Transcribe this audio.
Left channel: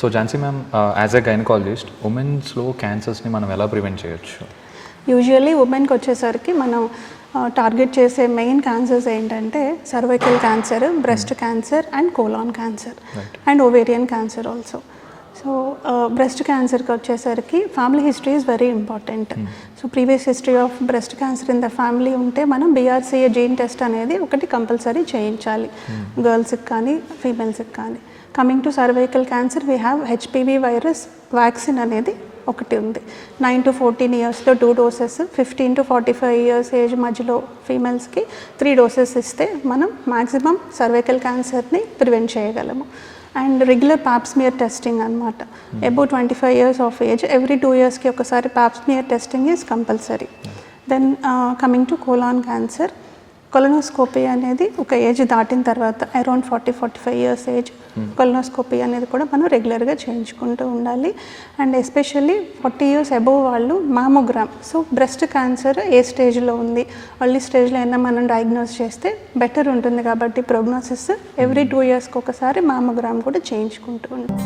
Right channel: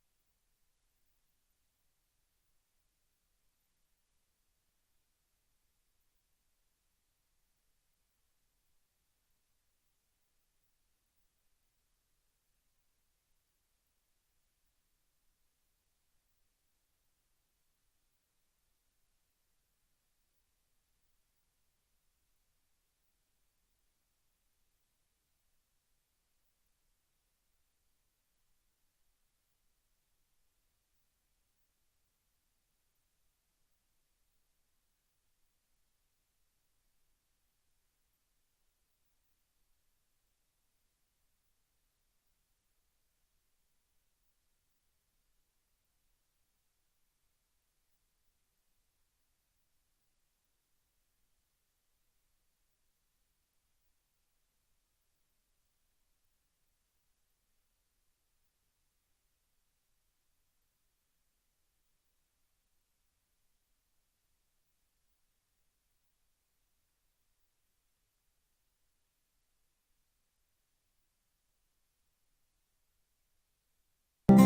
So Jhansi ma'am, as a gynaecologist ఉమెన్స్లో క్యాన్సర్స్ని మనం ఎలా ప్రివెంట్ చేయొచ్చు? యూజువల్లీ ఉమెన్కి వచ్చేసరికి మనం టార్గెట్ చేసే మెయిన్ క్యాన్సర్స్ ఏంటంటే cervical cancer, breast cancer and colon cancer and ovarian cancer also. So breast క్యాన్సర్కి వచ్చేసరికి family history is very important. So previous history of breast cancer in the family ఉంటే మనం BRCA gene test అనేది ఒకటి compulsory చేయించాలి, గర్ల్స్కి కానీ ఫీమేల్స్కి కానీ. Coming to cervical cancer, we have HPV virus vaccine అనేది ఒకటి ఉంది. 9 to 14 ఇయర్స్లో 2 doses, 15 to 45 ఇయర్స్ ఏజ్ మధ్యలో ఫీమేల్స్కి 3 doses ఇస్తే మనం మ్యాక్సిమం సర్వైకల్ క్యాన్సర్ని ప్రివెంట్ చేయగలము. అండ్ రెగ్యులర్ పాప్స్మియర్ టెస్టింగ్ అనమాట. Above 25 years of age every 2 ఇయర్స్కి ఒకసారి pap smear testing is compulsory. Then coming to colon cancer, colonoscopy అనేది ఒక ఏజ్ దాటిన తర్వాత అరౌండ్ 40-45 ఇయర్స్ ఏజ్ కొలనోస్కోపీ అనేది కూడా మనం రెగ్యులర్గా చేయించుకుంటూ ఉండాలి. అండ్ ఎస్పెషల్లీ 40 ఇయర్స్ అబోవ్ వాళ్ళు మామోగ్రామ్. సో బ్రెస్ట్ క్యాన్సర్ ఏ స్టేజ్లో ఉంది, ఎర్లీ స్టేజ్లో అయినా మనం డయాగ్నోస్ చేస్తే బెటర్ ఉంటుంది కాబట్టి ప్రోగ్నోసిస్ ఎవ్రీ 2 ఇయర్స్కి ఒకసారి మామోగ్రామ్ కూడా చేయించుకుంటూ ఉంటాం.